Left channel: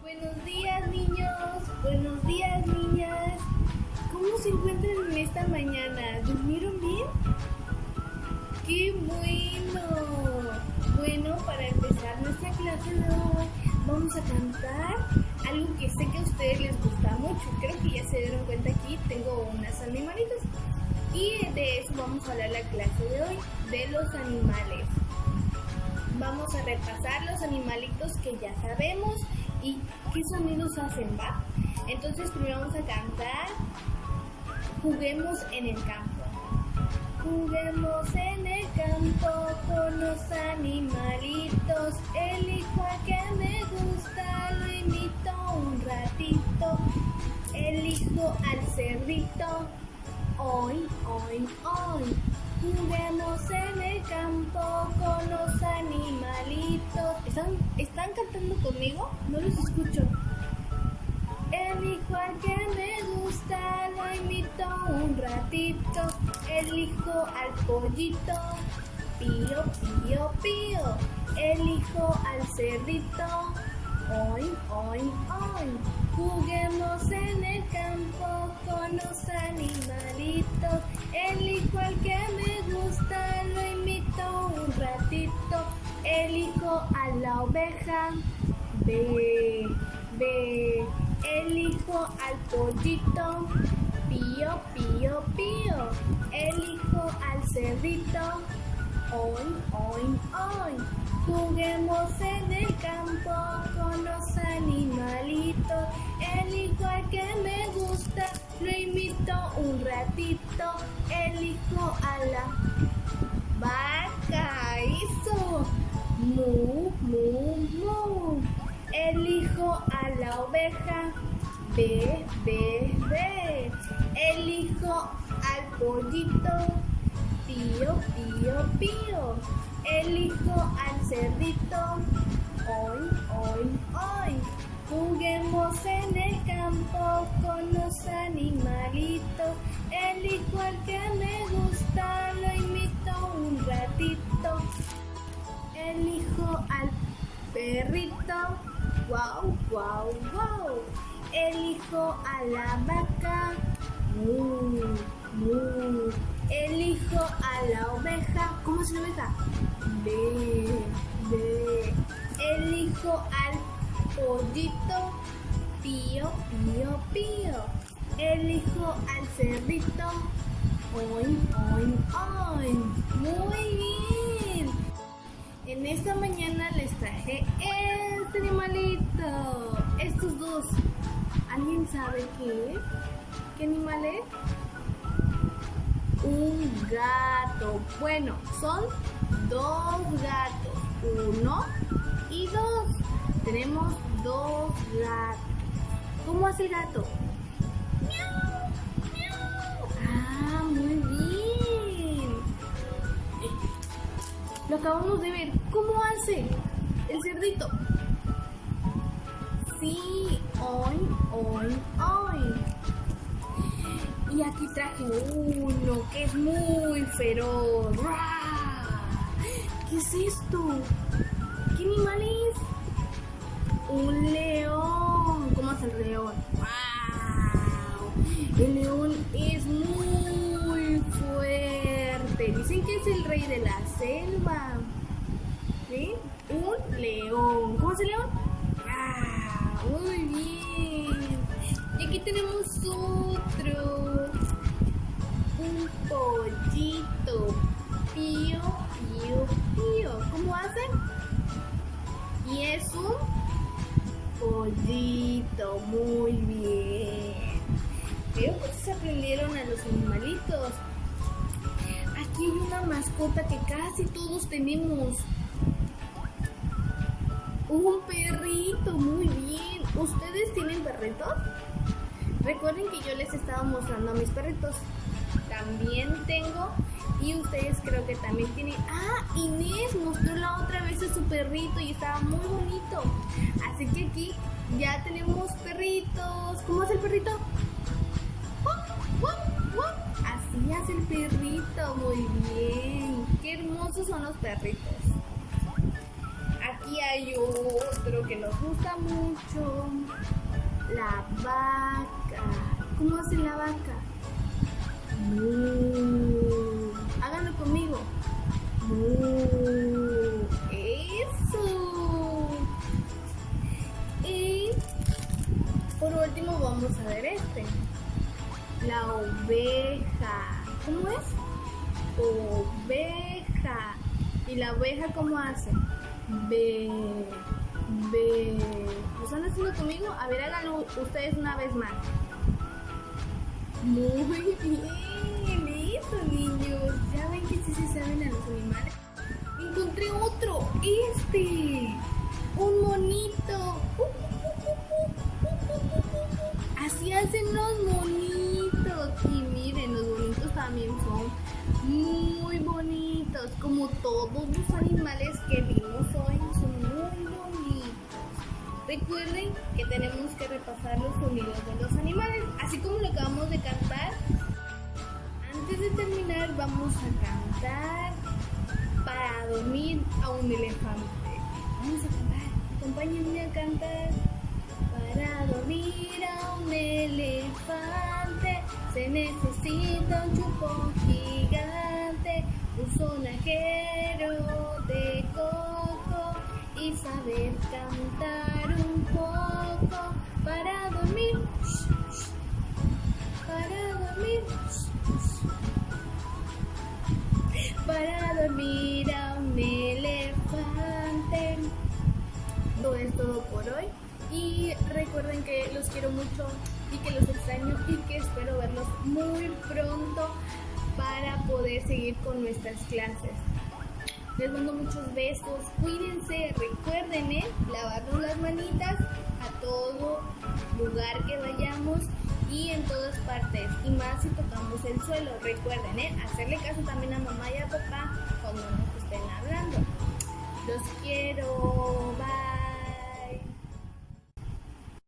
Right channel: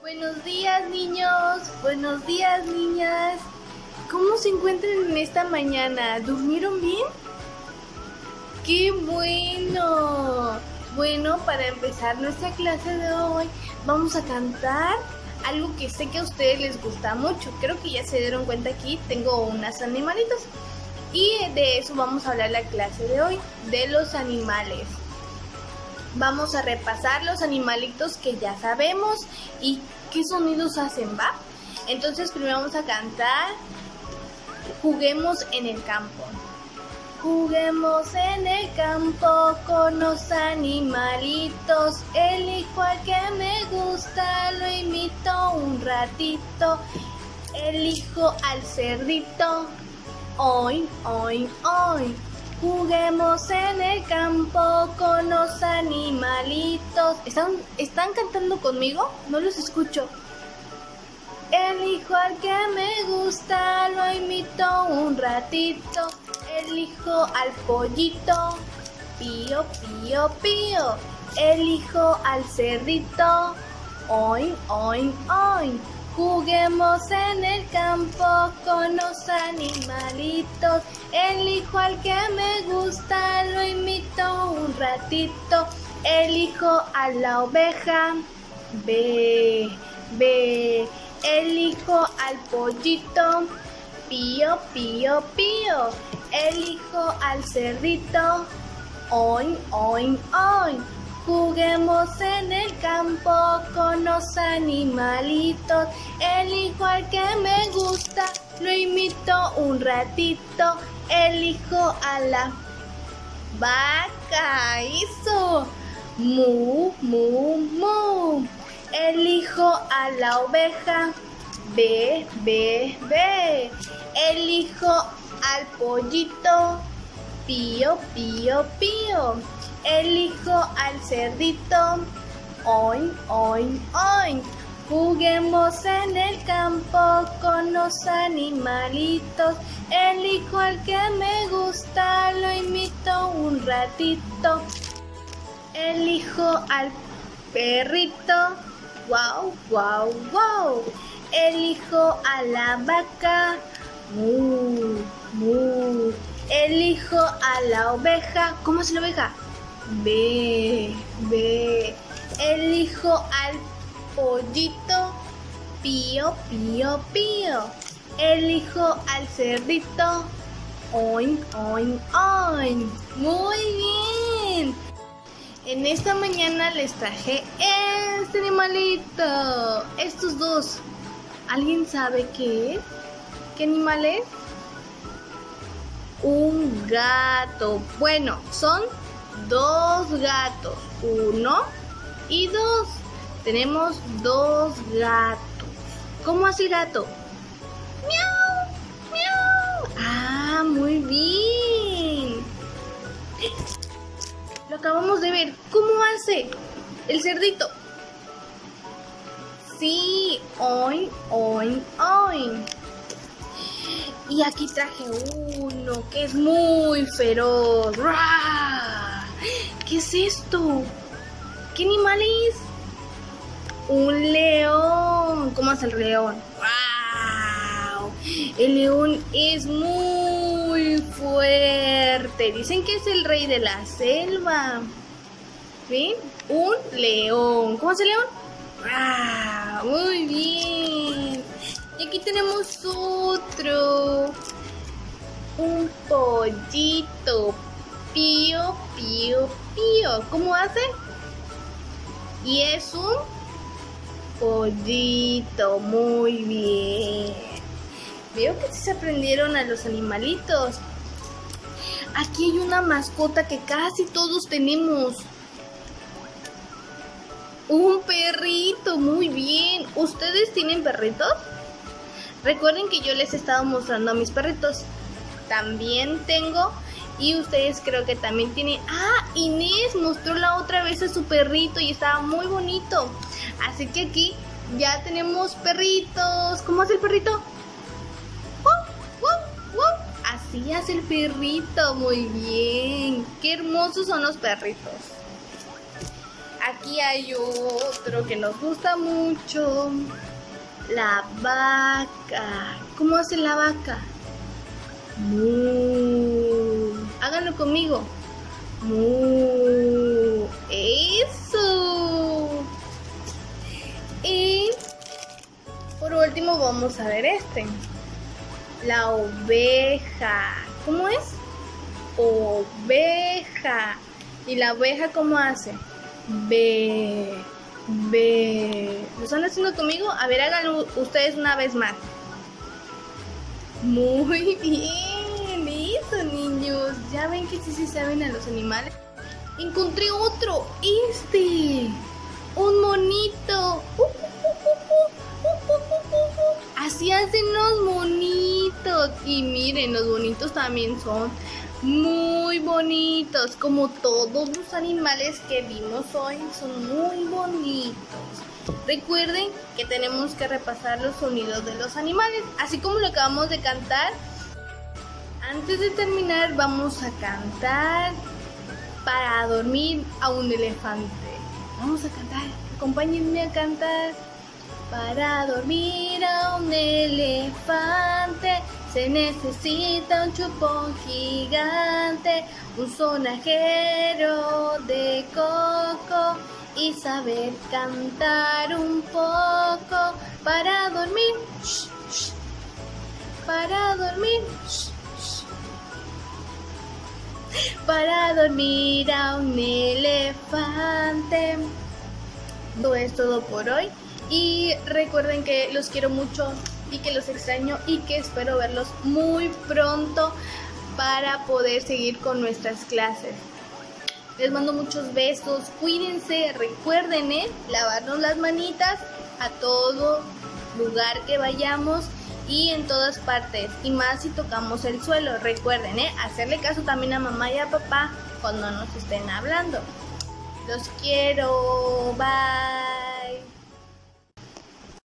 Buenos días, niños. Buenos días, niñas. ¿Cómo se encuentran en esta mañana? ¿Durmieron bien? ¡Qué bueno! Bueno, para empezar nuestra clase de hoy, vamos a cantar algo que sé que a ustedes les gusta mucho. Creo que ya se dieron cuenta aquí, tengo unos animalitos. Y de eso vamos a hablar la clase de hoy, de los animales. Vamos a repasar los animalitos que ya sabemos y qué sonidos hacen, ¿va? Entonces primero vamos a cantar Juguemos en el campo. Juguemos en el campo con los animalitos. Elijo al que me gusta, lo imito un ratito. Elijo al cerdito. Hoy, hoy, hoy. Juguemos en el campo con los animalitos. ¿Están cantando conmigo? No los escucho. Elijo al que me gusta, lo imito un ratito. Elijo al pollito, pío, pío, pío. Elijo al cerdito, oin, oin, oin. Juguemos en el campo con los animalitos. Elijo al que me gusta, lo imito un ratito. Elijo a la oveja, ve, ve. Elijo al pollito, pío, pío, pío. Elijo al cerdito, oin, oin, oin. Juguemos en el campo con los animalitos. Elijo al que me gusta, lo imito un ratito. Elijo a la vaca, eso. Mu, mu, mu. Elijo a la oveja, ve, ve, ve. Elijo al pollito, pío, pío, pío. Elijo al cerdito, oin, oin, oin. Juguemos en el campo con los animalitos. Elijo al que me gusta, lo imito un ratito. Elijo al perrito, guau, guau, guau. Elijo a la vaca, mu, mu. Elijo a la oveja. ¿Cómo es la oveja? Ve, ve. Elijo al pollito, pío, pío, pío. Elijo al cerdito, oin, oin, oin. Muy bien. En esta mañana les traje este animalito. Estos dos. ¿Alguien sabe qué es? ¿Qué animal es? Un gato. Bueno, son dos gatos. Uno y dos. Tenemos dos gatos. ¿Cómo hace el gato? ¡Miau! ¡Miau! Ah, muy bien. Lo acabamos de ver. ¿Cómo hace el cerdito? Sí, oin, oin, oin. Y aquí traje uno que es muy feroz. ¡Ruah! ¿Qué es esto? ¿Qué animal es? Un león. ¿Cómo hace el león? ¡Wow! El león es muy fuerte. Dicen que es el rey de la selva. ¿Ven? Un león. ¿Cómo hace el león? ¡Wow! Muy bien. Y aquí tenemos otro. Un pollito. Pío, pío, pío. ¿Cómo hace? Y es un pollito. Muy bien. Veo que sí se aprendieron a los animalitos. Aquí hay una mascota que casi todos tenemos. Un perrito. Muy bien. ¿Ustedes tienen perritos? Recuerden que yo les he estado mostrando a mis perritos. También tengo. Y ustedes creo que también tienen. Ah, Inés mostró la otra vez a su perrito y estaba muy bonito. Así que aquí ya tenemos perritos. ¿Cómo hace el perrito? ¡Wow! ¡Wow! ¡Wow! Así hace el perrito. Muy bien. Qué hermosos son los perritos. aquí hay otro que nos gusta mucho. La vaca. ¿Cómo hace la vaca? Mu. Háganlo conmigo. Mu. Eso. Y por último vamos a ver este. La oveja. ¿Cómo es? Oveja. ¿Y la oveja cómo hace? Ve. Ve. ¿Lo están haciendo conmigo? A ver, háganlo ustedes una vez más. Muy bien. Eso, niños. Ya ven que sí se saben a los animales. Encontré otro. Un monito. Así hacen los monitos. Y miren, los bonitos también son muy bonitos. Como todos los animales que vimos hoy, son muy bonitos. Recuerden que tenemos que repasar los sonidos de los animales, así como lo acabamos de cantar. Antes de terminar, vamos a cantar Para dormir a un elefante. Vamos a cantar. Acompáñenme a cantar. Para dormir a un elefante se necesita un chupón gigante, un sonajero de coco y saber cantar un poco. Para dormir, para dormir, para dormir a un elefante. Todo es todo por hoy. Y recuerden que los quiero mucho y que los extraño y que espero verlos muy pronto para poder seguir con nuestras clases. Les mando muchos besos, cuídense, recuerden lavarnos las manitas a todo lugar que vayamos y en todas partes, y más si tocamos el suelo. Recuerden hacerle caso también a mamá y a papá cuando nos estén hablando. Los quiero, bye.